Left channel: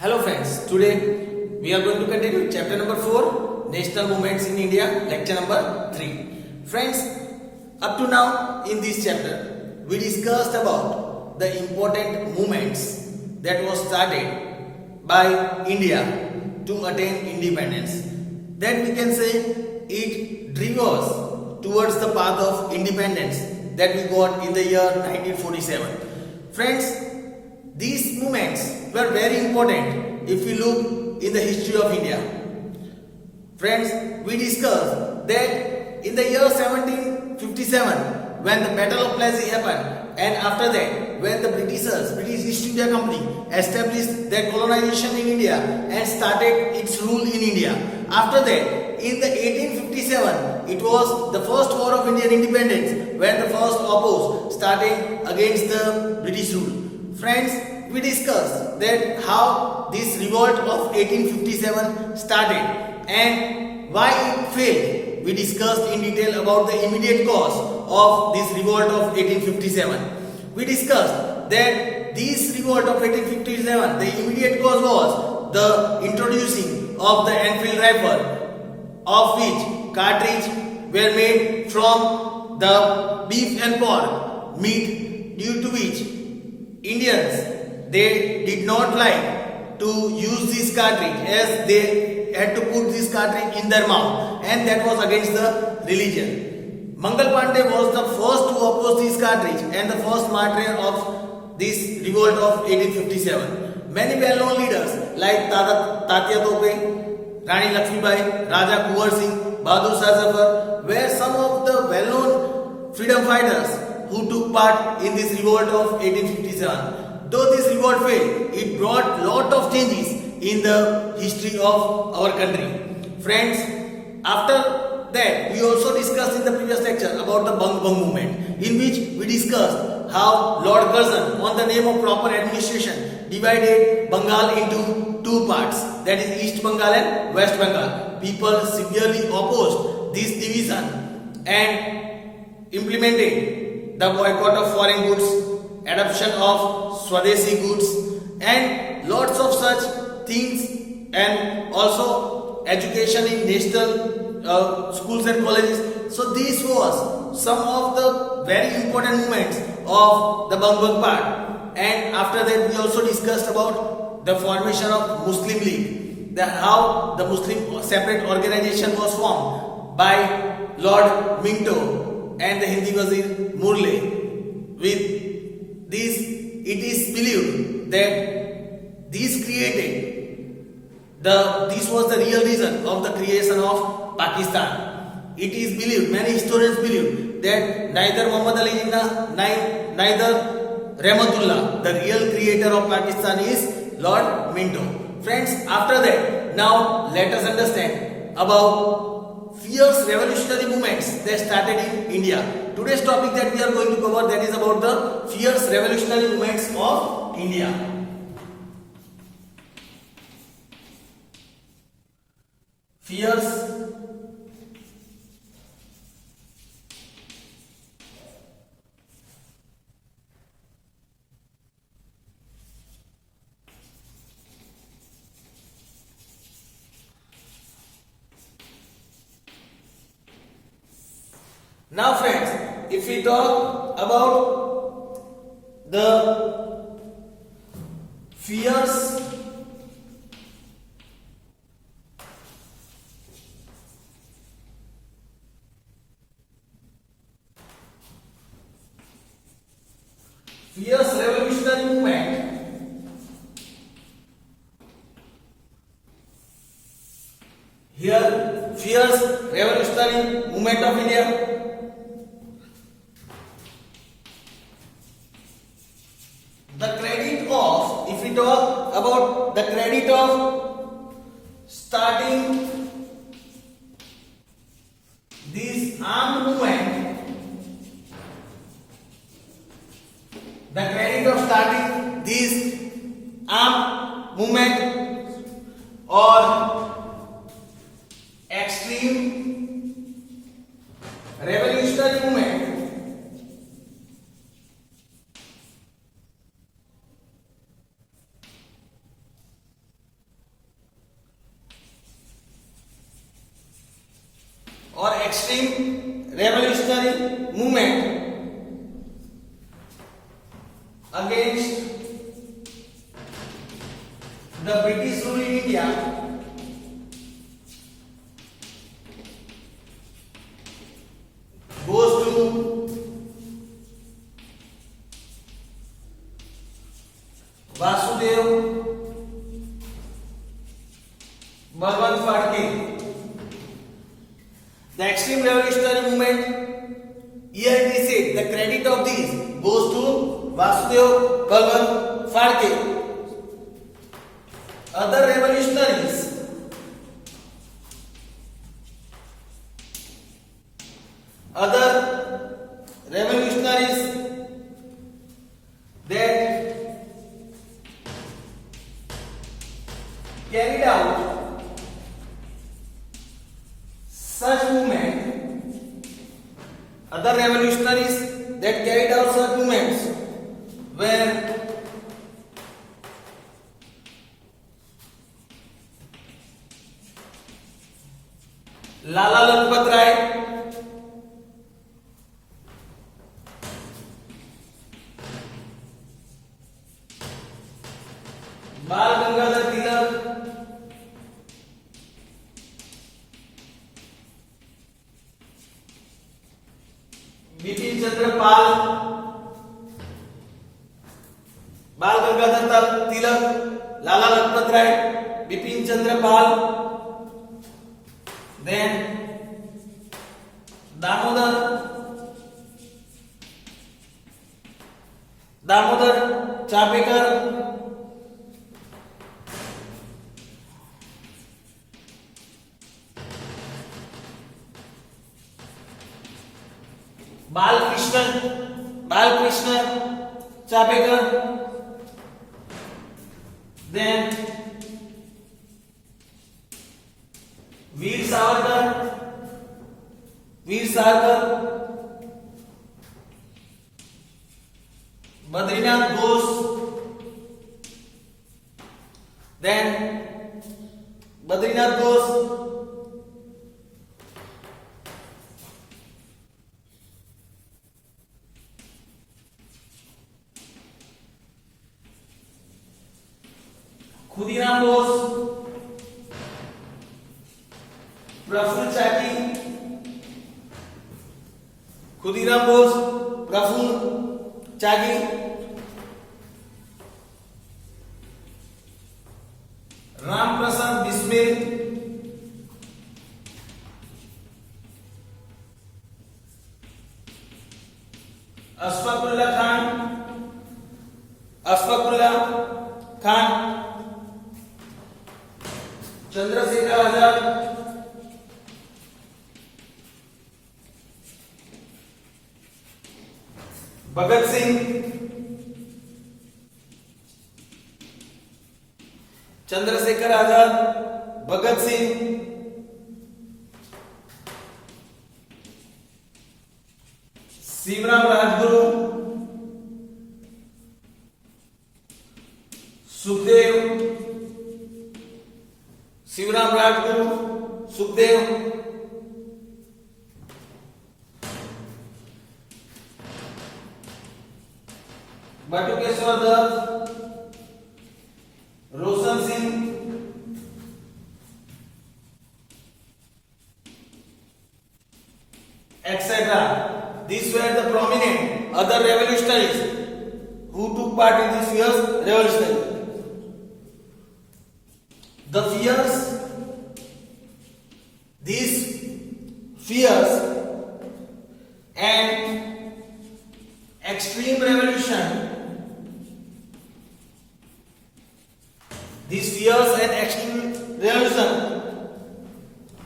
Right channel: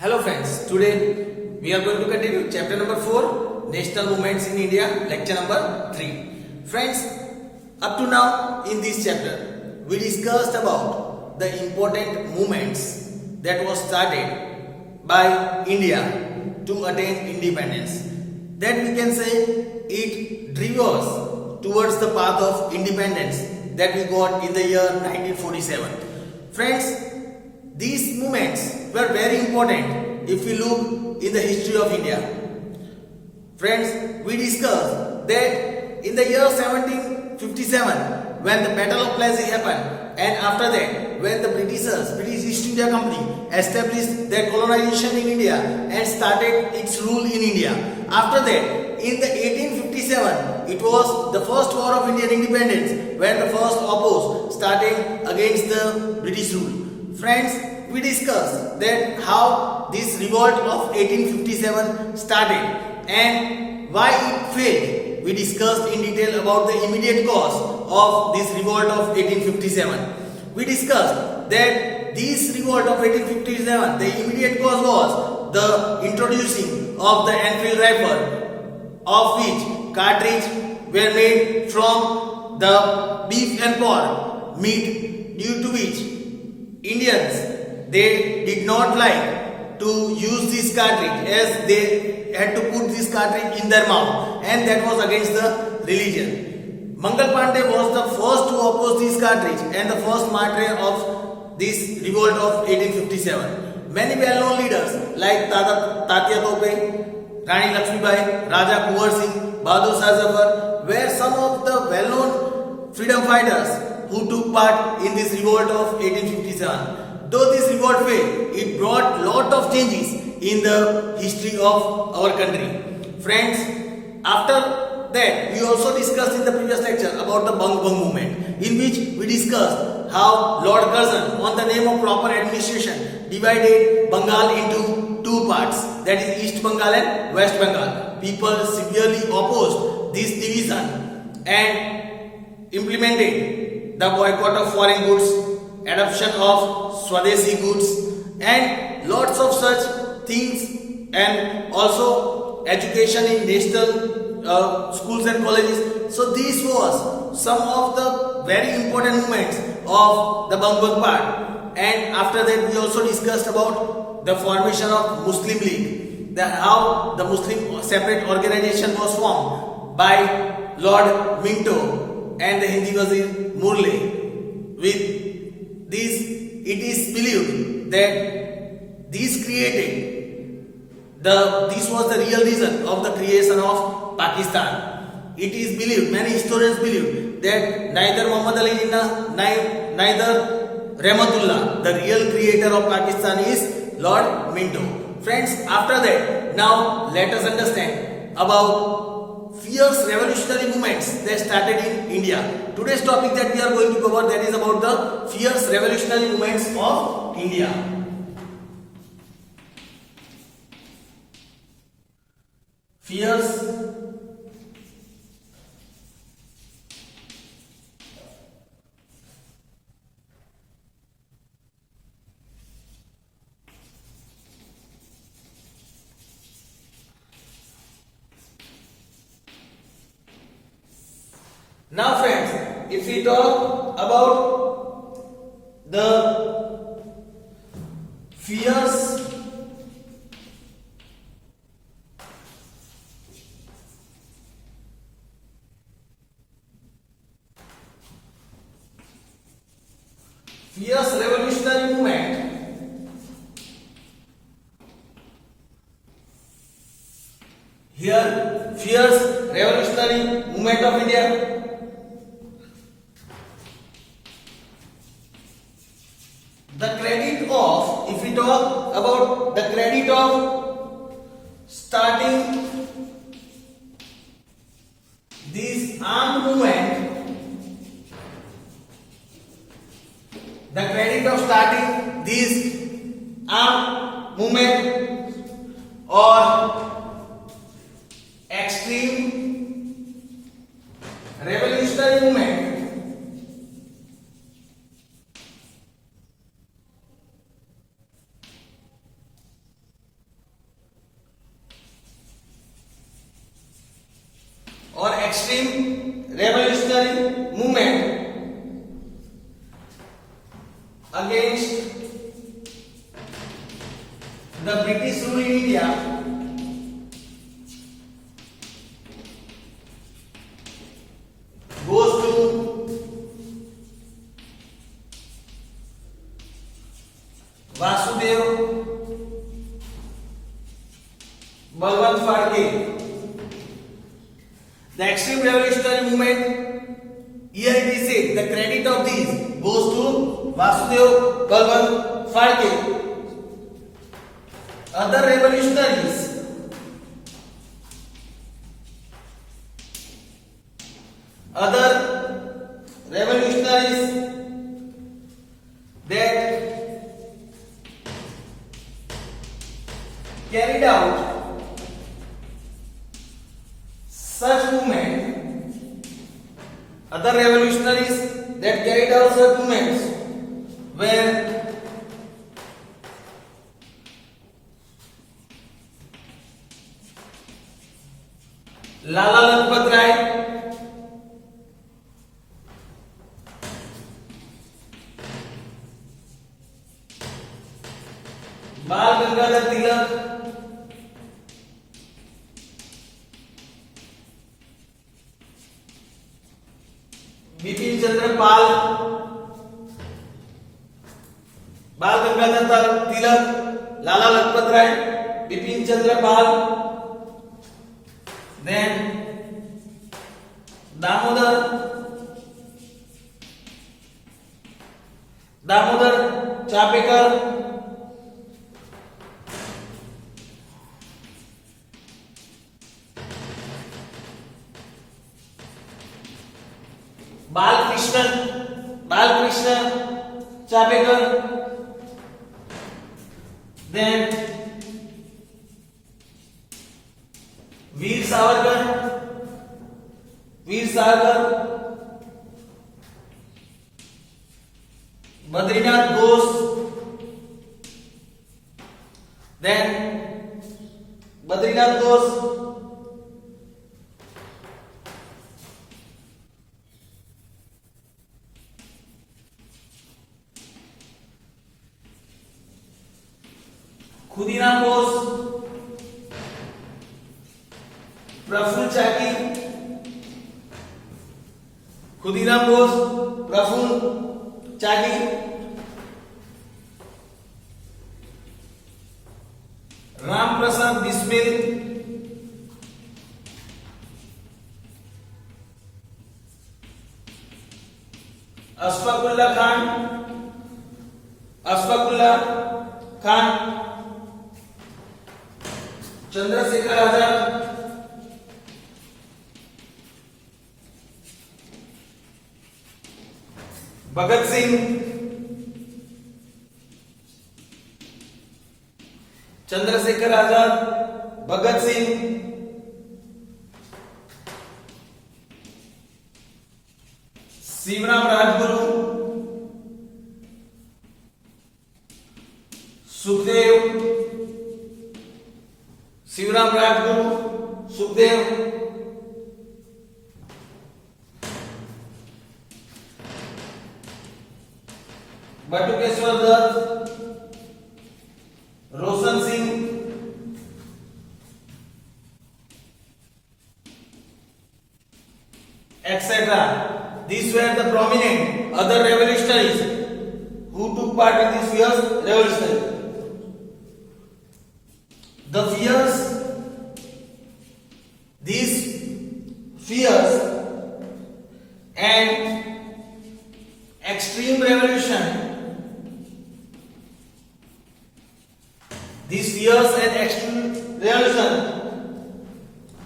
Hello friends, today we are going to continue chapter number 4, National Movements in India, lecture number 3. Friends, up to now in this chapter, we discussed about the important movements that was started by India to attain independence. That we can say it drove us towards the path of independence that we got in the year 1947. Friends, these movements were very important if we look in the history of India. Friends, we discussed that in the year 1757 when the Battle of Plassey happened, and after that when the British East India Company established their colonization in India and started its rule in India. After that, in the 1857, it was the first war of Indian independence when the first oppose starting against the British rule. Friends, we discussed that how this revolt of 1857 started and why it failed. We discussed in detail about the immediate cause of this revolt of 1857. We discussed that this revolt of 1857, the immediate cause was the introducing of the Enfield rifle, of which cartridge were made from the beef and pork meat, due to which Indians, they did not like to use this cartridge as they had to put this cartridge in their mouth, and that was against the religion. Mangal Pandey was the first to oppose this cartridge and the first martyr of this revolt of 1857. Many well-known leaders like Tatya Tope, Rani Lakshmibai, Raja Kuwar Singh, Bahadur Shah Zafar were some of the well-known freedom fighters who took part in this revolt of 1857. Though this revolt failed, it brought lot of changes in the history of our country. Friends, after that we also discussed in the previous lecture about the Bang Bang movement, in which we discussed how Lord Curzon, on the name of proper administration, divided Bengal into two parts, that is East Bengal and West Bengal. People severely opposed this division and implemented the boycott of foreign goods, adoption of Swadeshi goods, and lots of such things, and also education in national schools and colleges. So this was some of the very important movements of the Bang Bang part. And after that we also discussed about the formation of Muslim League, how the Muslim separate organization was formed by Lord Minto and the Hindi Wazir Murle. With this, it is believed that this was the real reason of the creation of Pakistan. It is believed, many historians believe, that neither Muhammad Ali Jinnah, neither Rahmatullah, the real creator of Pakistan, is Lord Minto. Friends, after that, now let us understand about fierce revolutionary movements that started in India. Today's topic that we are going to cover, that is about the fierce revolutionary movements of India. Fierce Now friends, if we talk about the fierce revolutionary movement, here fierce revolutionary movement of India, if we talk about the credit of starting this armed movement, the credit of starting this armed movement or extreme revolutionary movement or extreme revolutionary movement against the British rule in India goes to Vasudev Balwant Phadke. The extreme revolutionary movement, here it is said, the credit of this goes to Vasudev Balwant Phadke. Other revolutionaries that carried out such movement, other revolutionaries that carried out such movements were Lala Lajpat Rai, Bal Gangadhar Tilak, Bipin Chandra Pal, Bal Gangadhar Tilak, Lala Lajpat Rai, Bipin Chandra Pal, then Damodar Chapekar, Balkrishna Chapekar, then Veer Savarkar, Badrinath Ghosh, then Badrinath Ghosh, Khudiram Bose, Prafulla Chaki, Khudiram Bose, Prafulla Chaki, Ram Prasad Bismil, Ashfaqulla Khan, Chandrashekhar Azad, Bhagat Singh, Chandrashekhar Azad, Bhagat Singh, Shivram Rajguru, Sukhdev, Batukeshwar Dutt, Roshan Singh, etc. These were the prominent other revolutionaries who took part in this fierce revolution. These fierce and extreme revolution,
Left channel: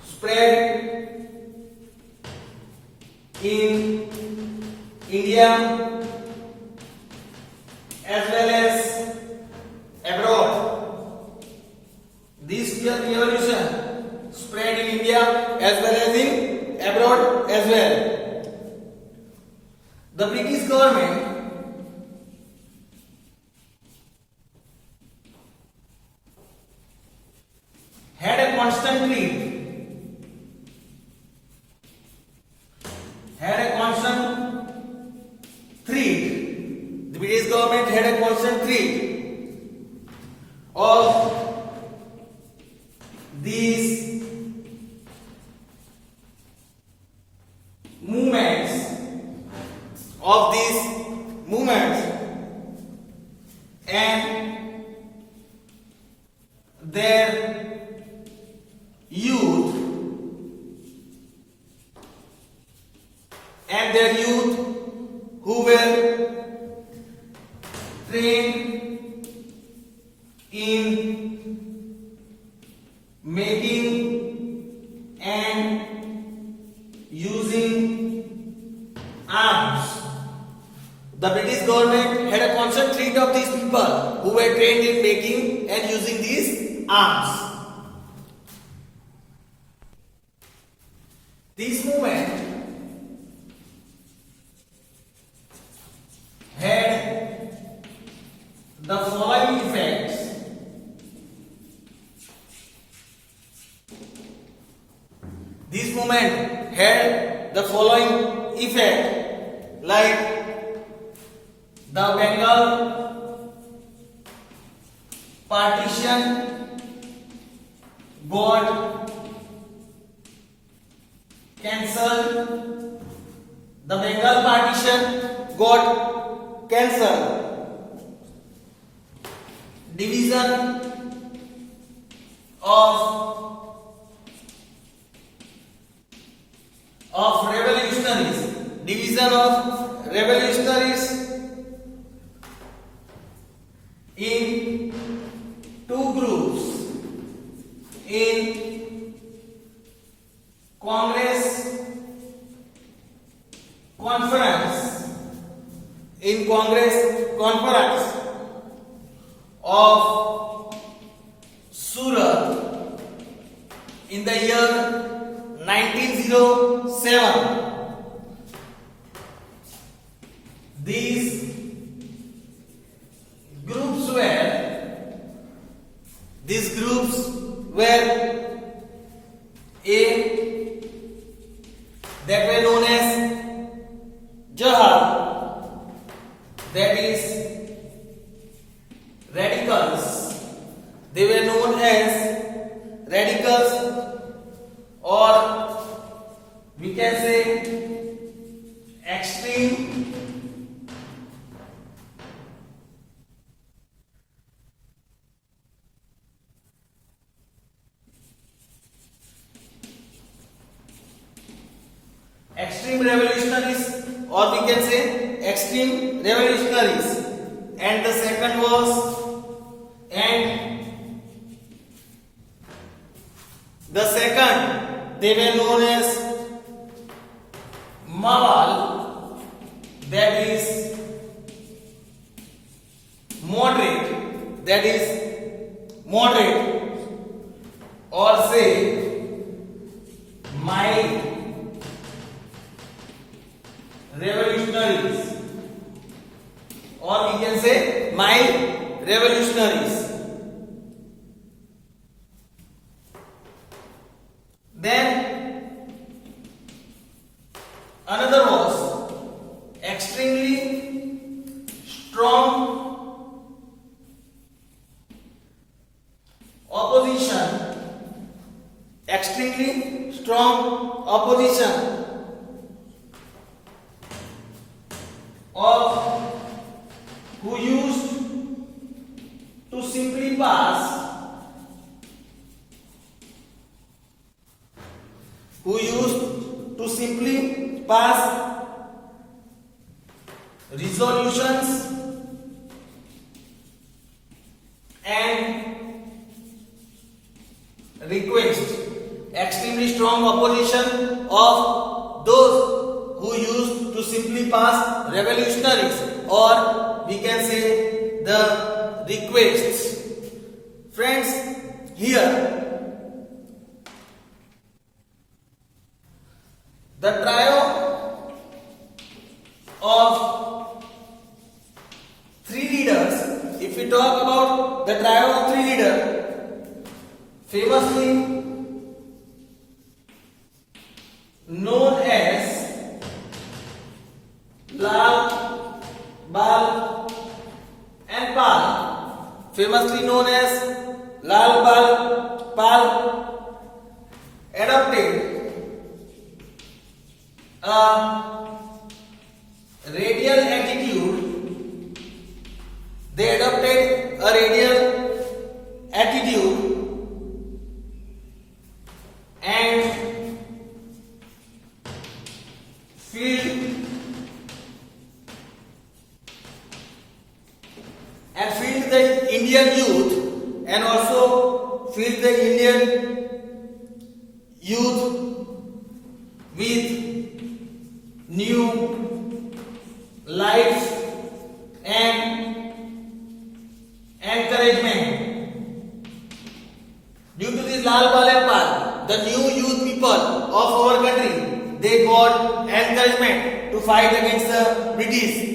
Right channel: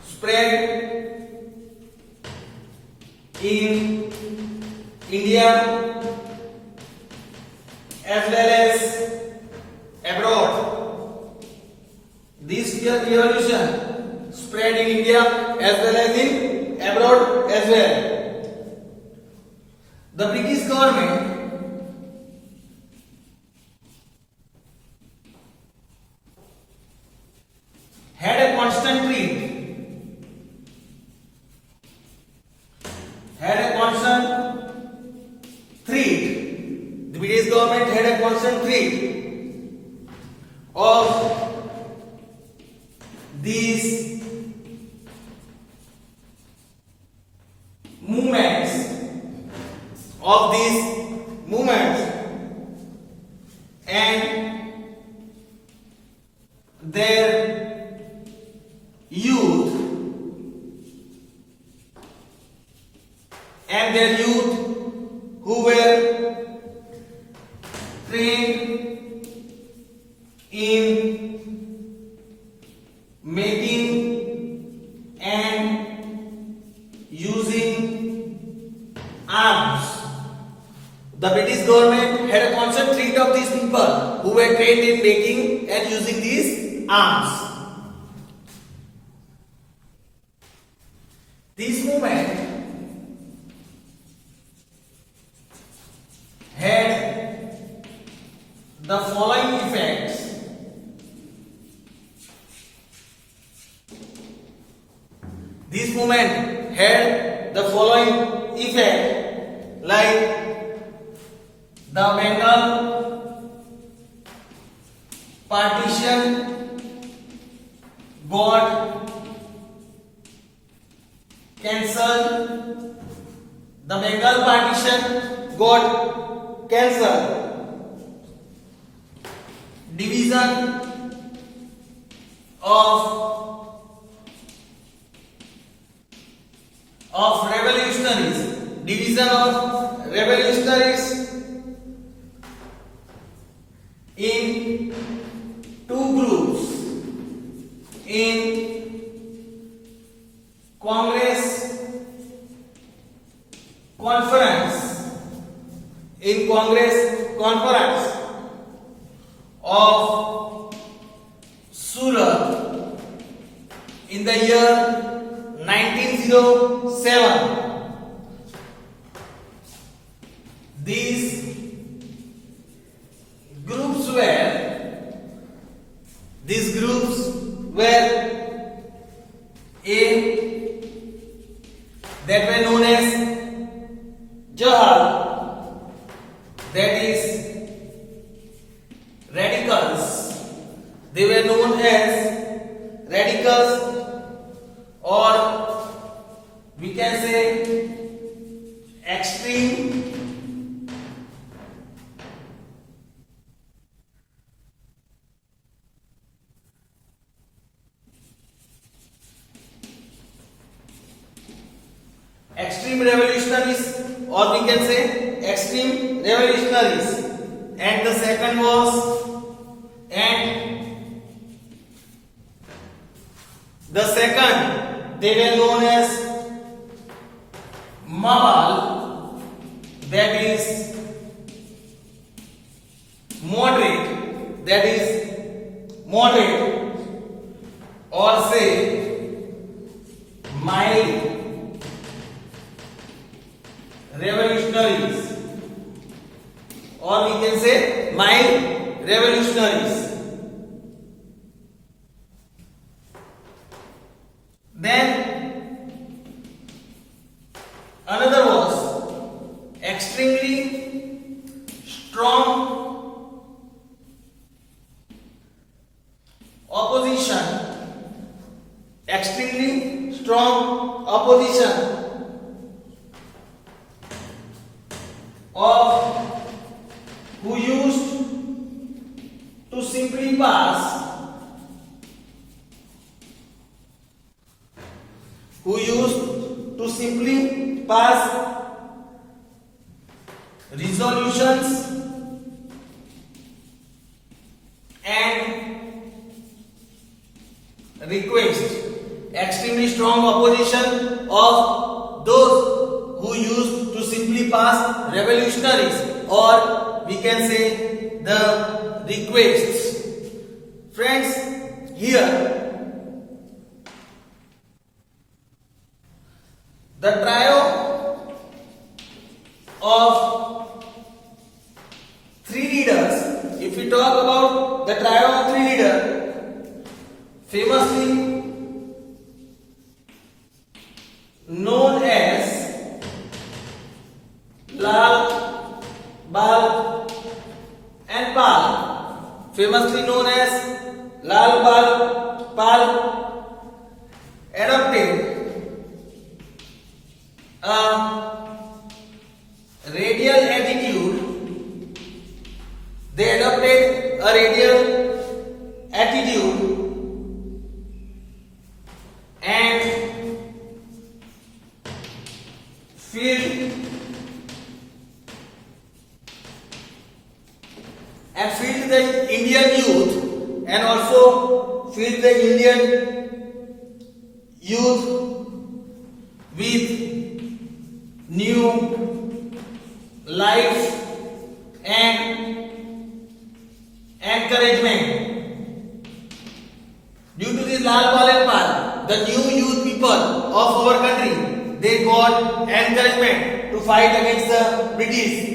spread in India as well as abroad. This revolution spread in India as well as in abroad as well. The British government had a constant threat of these movements and their youth who were trained in making and using arms. The British government had a constant treat of these people who were trained in making and using these arms. This movement had the following effects. This movement had the following effect, like the Bengal partition got cancelled. The Bengal partition got cancelled. Division of revolutionaries in two groups, in Congress conference of Surat in the year 1907. These groups were that were known as Jihad, that is radicals. They were known as radicals, or we can say extreme revolutionaries, or we can say extreme revolutionaries. And the second they were known as Mawal, that is moderate, or say mild revolutionaries, or we can say mild revolutionaries. Then another was extremely strong opposition of who used to simply pass resolutions and requests. Extremely strong opposition of those who used to simply pass revolutionaries, or we can say the requests. Friends, here the trio of three leaders, if we talk about the trio of three leaders, famously known as Lal, Bal and Pal, adopted a radial attitude. They adopted a radial attitude and filled the Indian youth and also filled the Indian youth with new life and encouragement. Due to this Lal Bal and Pal, the new youth people of our country, they got encouragement to fight against the British.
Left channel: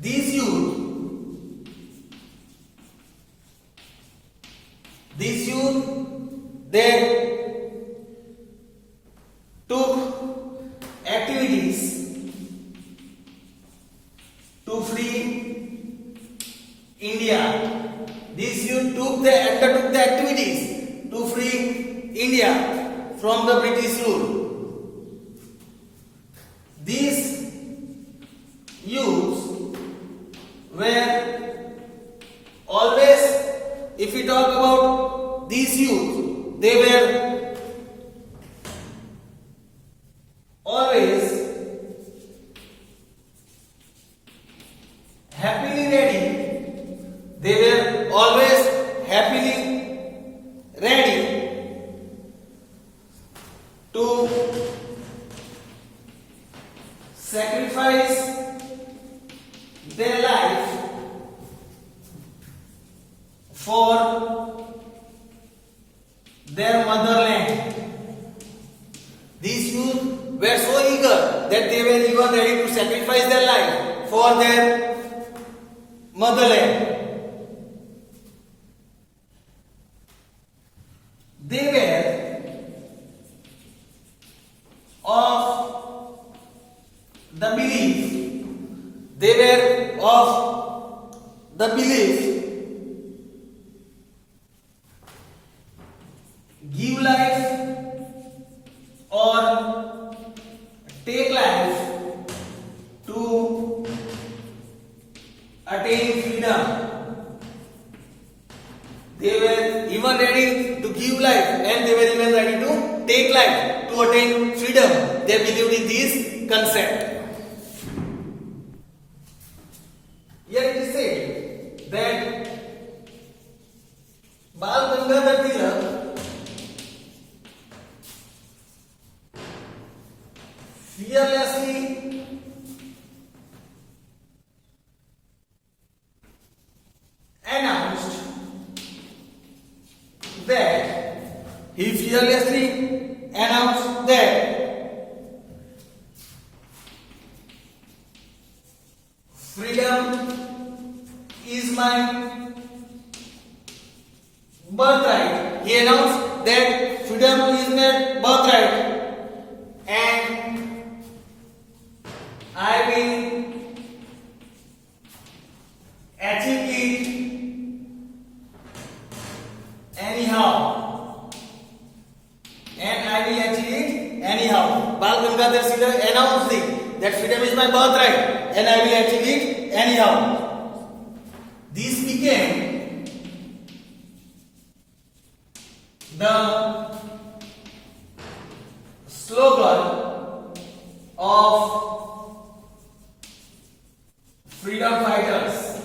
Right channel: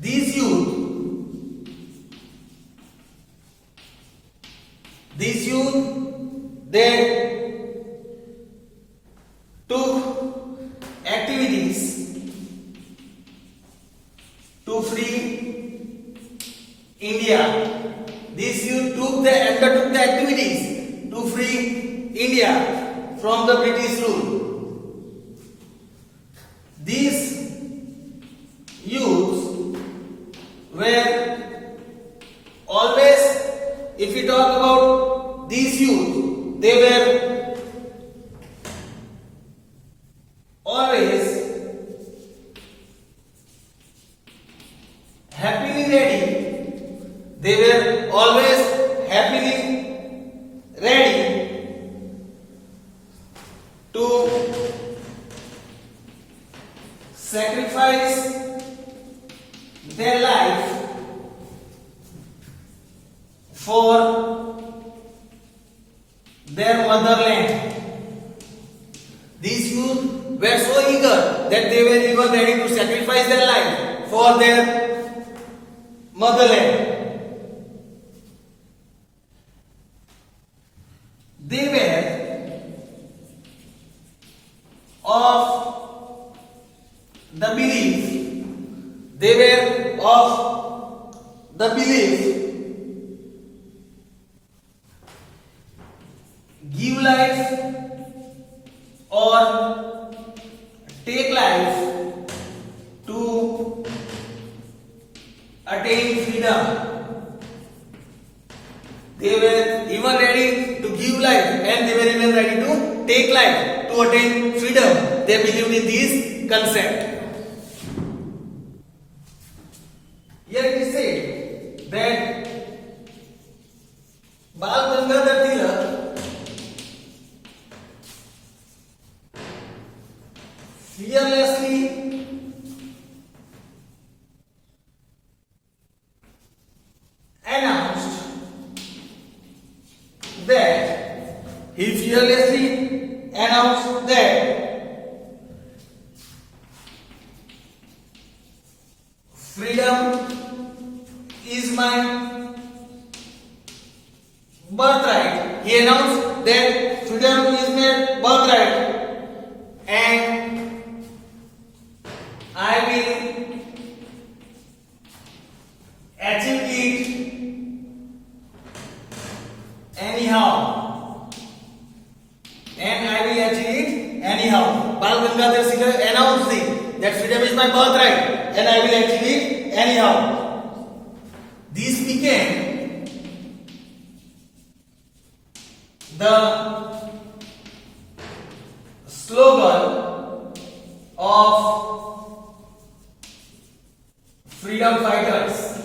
These youth, they took activities to free India. These youth undertook the activities to free India from the British rule. These youths were always, if we talk about these youth, they were always happily ready. They were always happily ready to sacrifice their life for their motherland. These youth were so eager that they were even ready to sacrifice their life for their motherland. They were of the belief, give life or take life to attain freedom. They were even ready to give life and they were even ready to take life to attain freedom. They believed in this concept. Here it is said that Bal Gangadhar Tilak fearlessly announced that freedom is my birthright. He announced that freedom is my birthright and I will achieve it anyhow. Bal Gangadhar Tilak announced it, that freedom is my birthright and I will achieve it anyhow. This became the slogan of freedom fighters.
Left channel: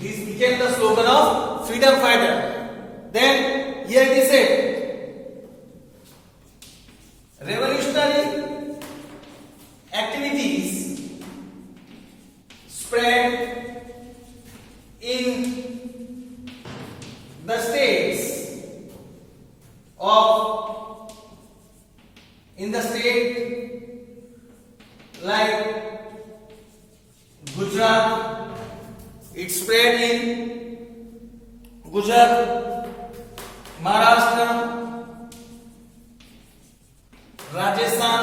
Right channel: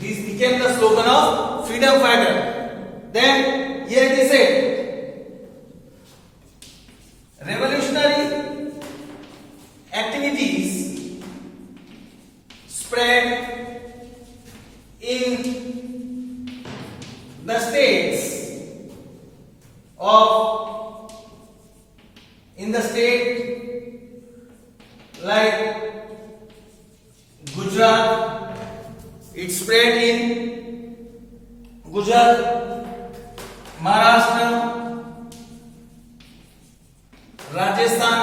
This became the slogan of freedom fighter. Then here it is said, revolutionary activities spread in the states like Gujarat. It spread in Gujarat, Maharashtra, Rajasthan,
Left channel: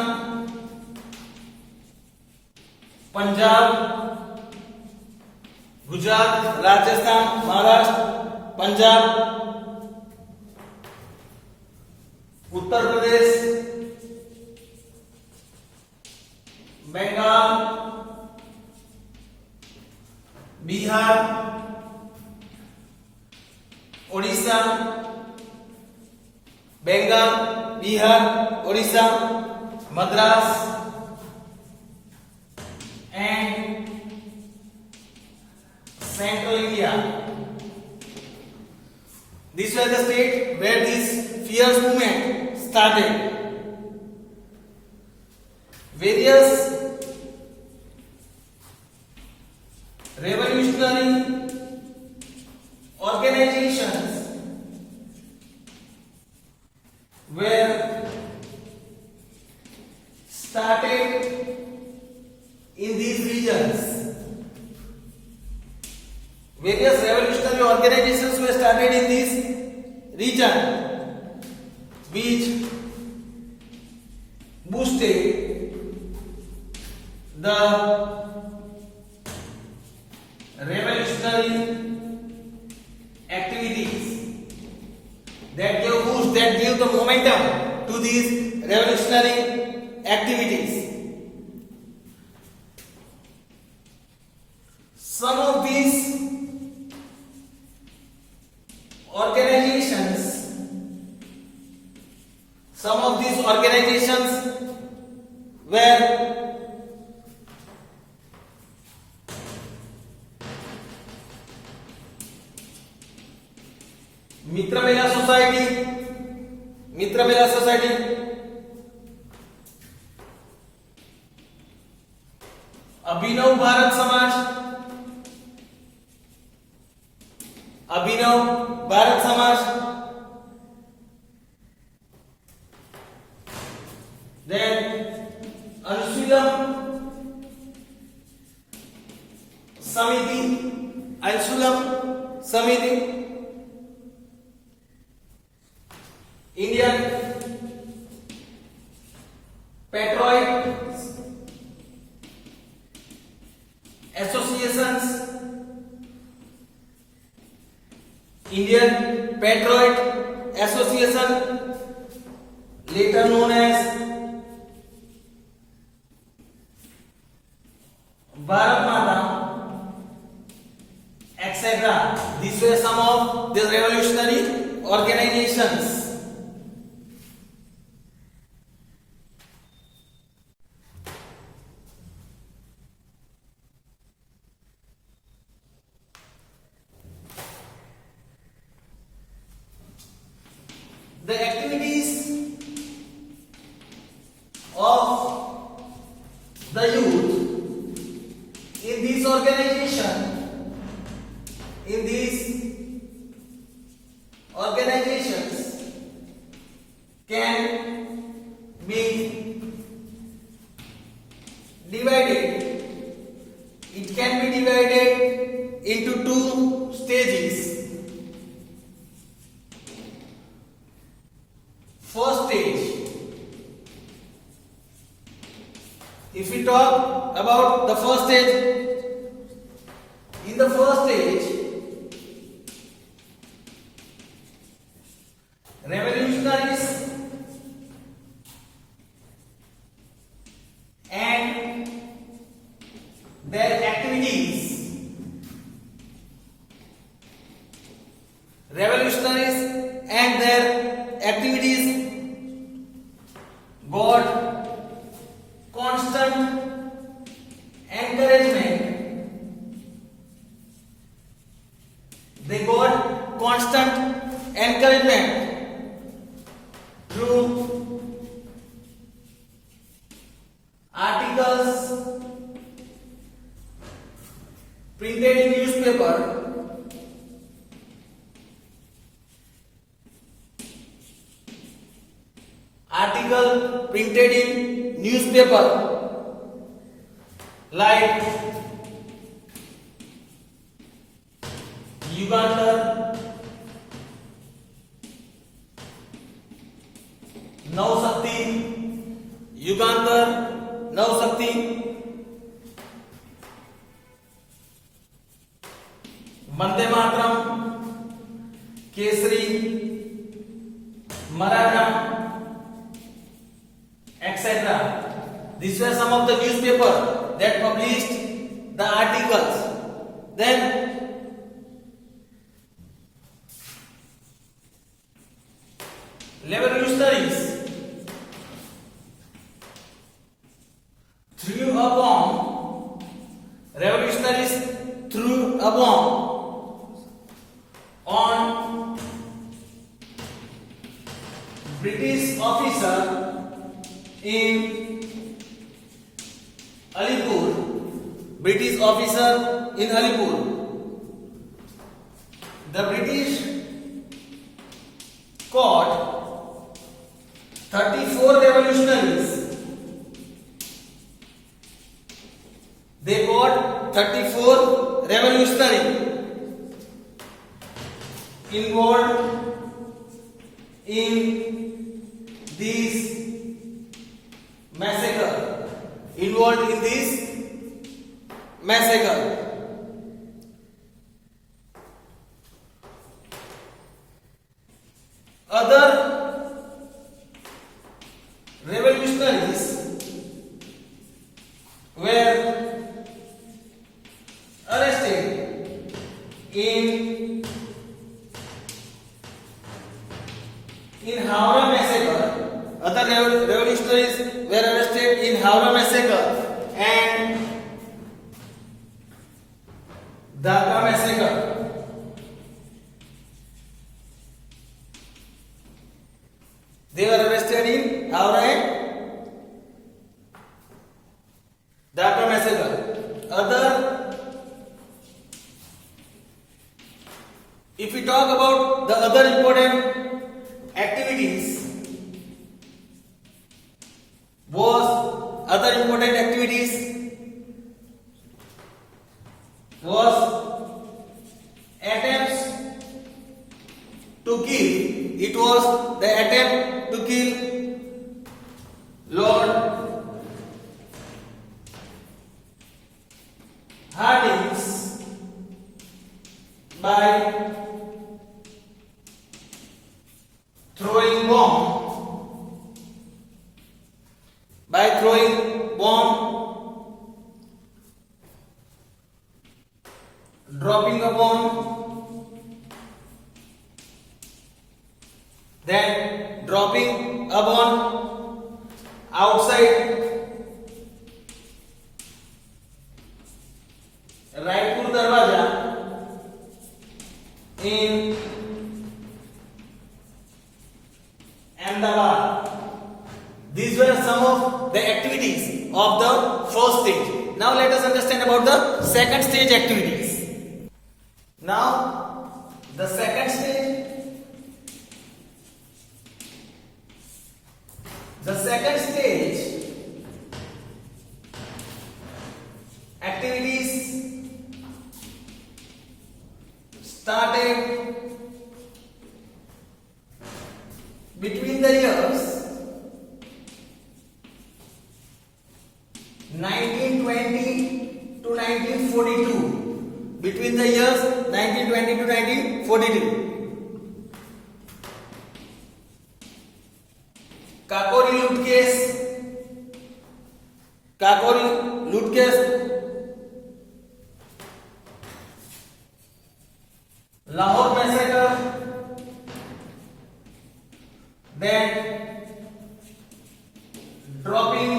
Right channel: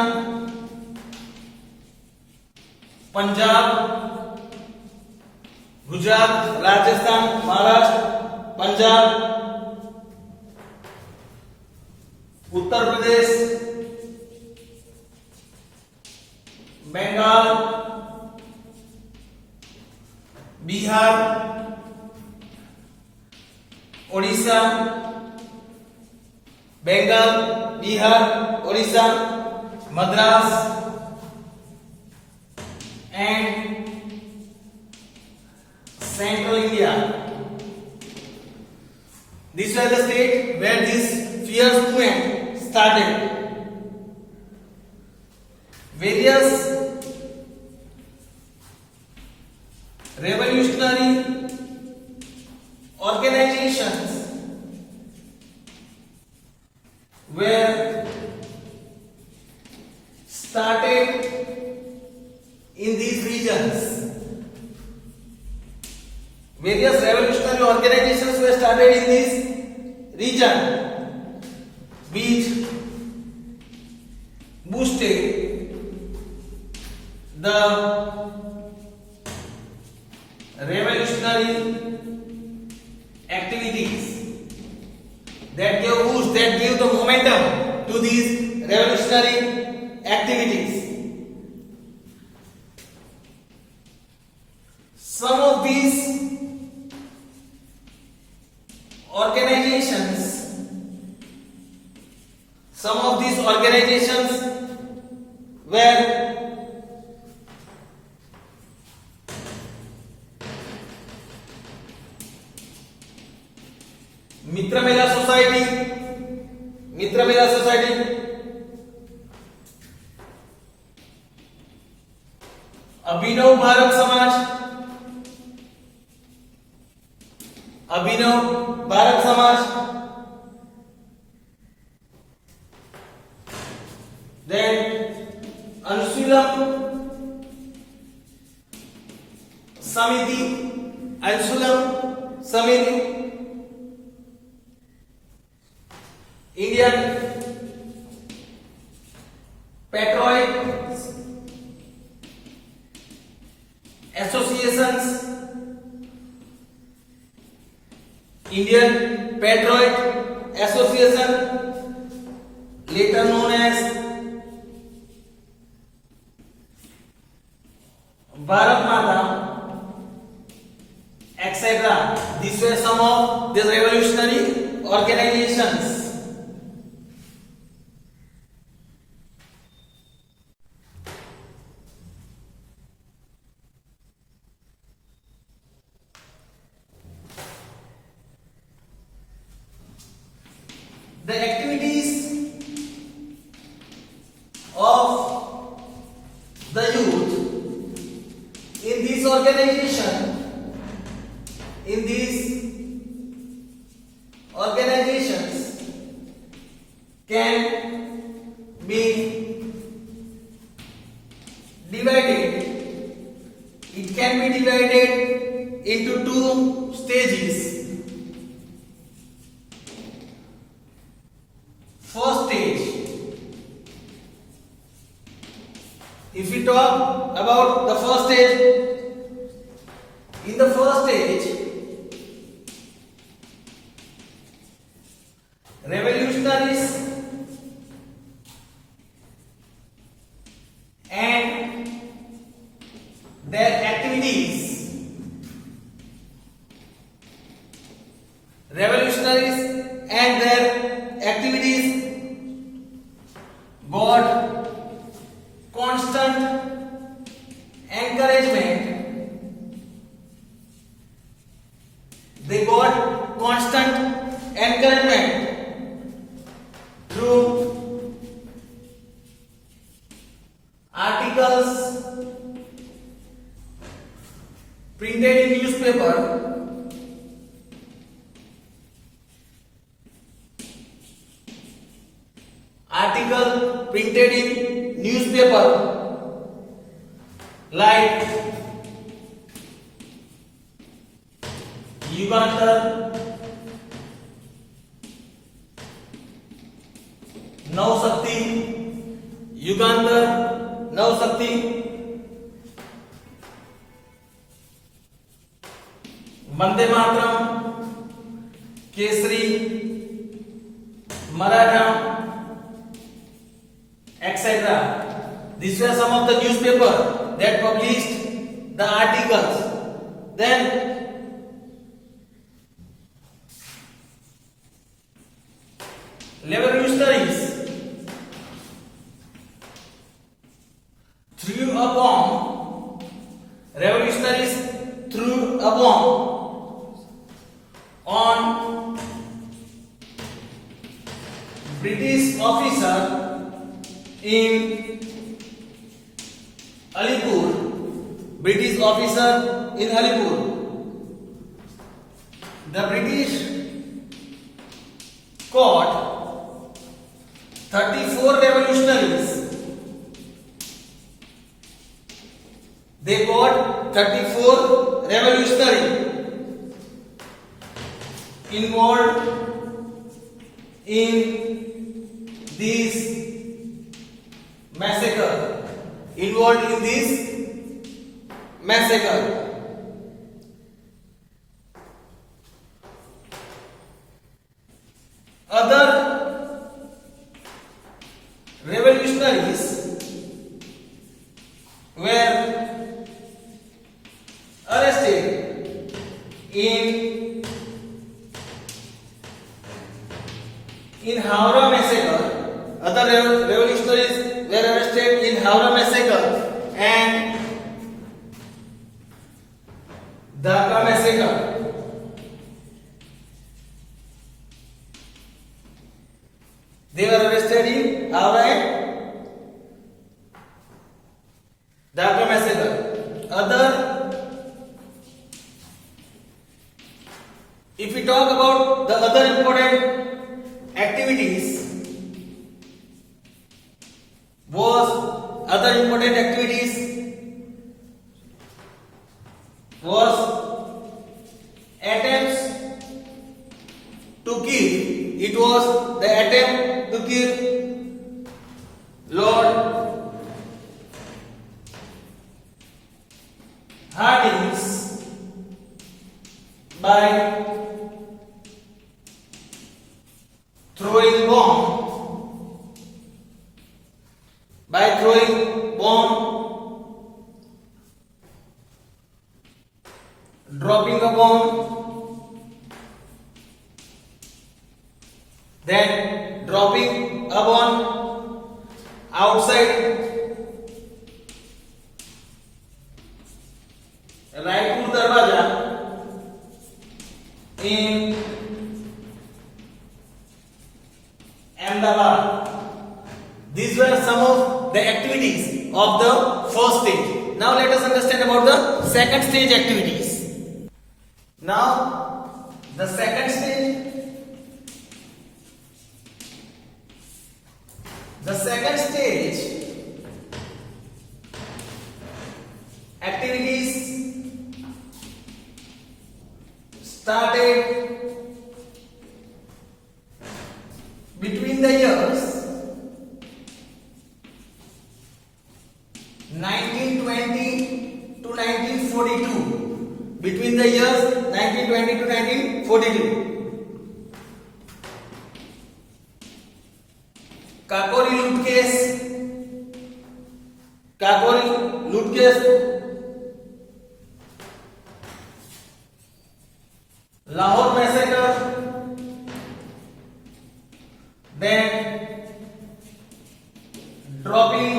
Punjab, Gujarat, Rajasthan, Maharashtra, Punjab, Uttar Pradesh, Bengal, Bihar, Odisha, Bengal, Bihar, Odisha, Madras and Central India. These were the states where this fierce movement started. Various revolutionary organizations were started in these regions. Various revolutionary organizations were started in this region, which boosted the revolutionary activities, that gave boost, that gave the momentum to these revolutionary activities. Some of these organizations were Mitra Mela society, Abhinav Bharat Samaj, then Anushilan Samiti, Indian patriot associations, Indian Patriot Association, later known as Bharat Mata, etc. These were some of the revolutionary organizations. The activities of the youth in these organizations can be divided. It can be divided into two stages. First stage, if we talk about the first stage, in the first stage, revolutionaries and their activities got constant encouragement. They got constant encouragement through articles printed in newspaper, like Yugantar, Navashakti, Vande Mataram, Kesari, Maratha, etc. These were some of the newspaper that published the articles. Then revolutionaries threw a bomb. Revolutionaries threw a bomb on British officer in Alipur. British officer in Alipur. The British caught 34 revolutionaries. They caught 34 revolutionaries involved in this massacre. Involved in this massacre. Other revolutionaries were arrested in Howrah massacre. Other revolutionaries were arrested in Howrah massacre and Dhaka massacre. They were arrested in Howrah and Dhaka massacre. If we talk about the other important activities, was attempts to kill. It was the attempt to kill Lord Hardinge by throwing bomb, dropping a bomb, then dropping a bomb outside Raipur Darwaja in Ahmedabad. These were some of the activities of the first stage. Now let us understand about the second stage activities. Now the second stage. The second stage activities started between the years 1920 to 1942. Between the years 1920 to 1942. Kakori loot case, Lahore massacre, then dropping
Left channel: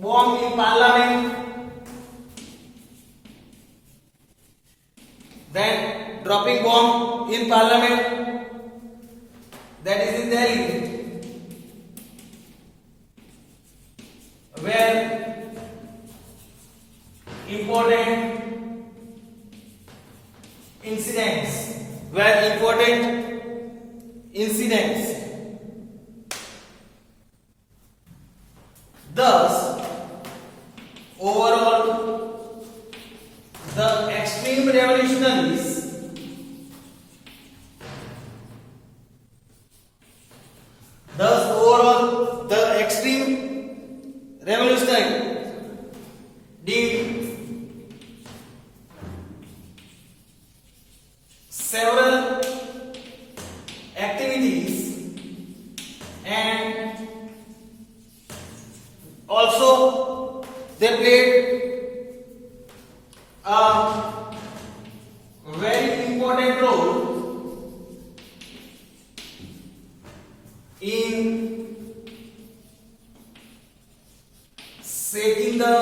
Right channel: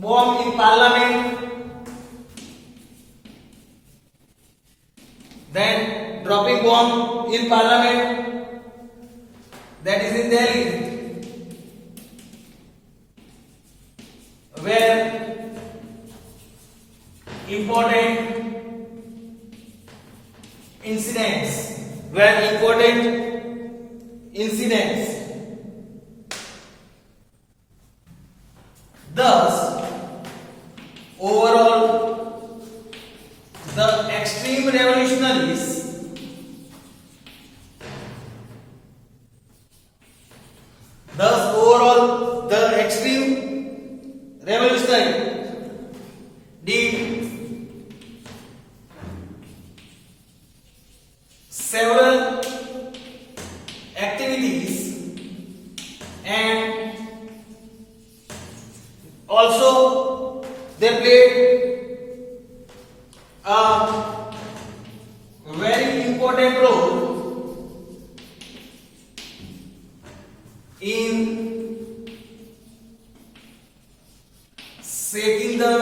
bomb in Parliament, then dropping bomb in Parliament, that is in Delhi, where important incidents. Thus, overall, the extreme revolutionaries did several activities and Also, they played a very important role in setting the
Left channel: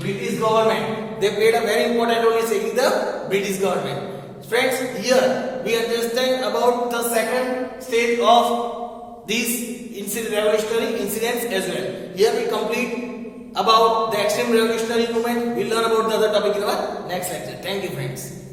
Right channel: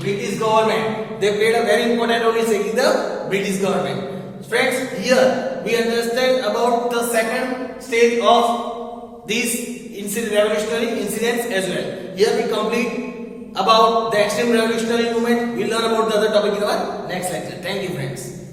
British government. They played a very important role in setting the British government. Friends, here we understand about the second stage of these revolutionary incidents as well. Here we complete about the extreme revolutionary movement. We'll learn about the other topic in our next lecture. Thank you, friends.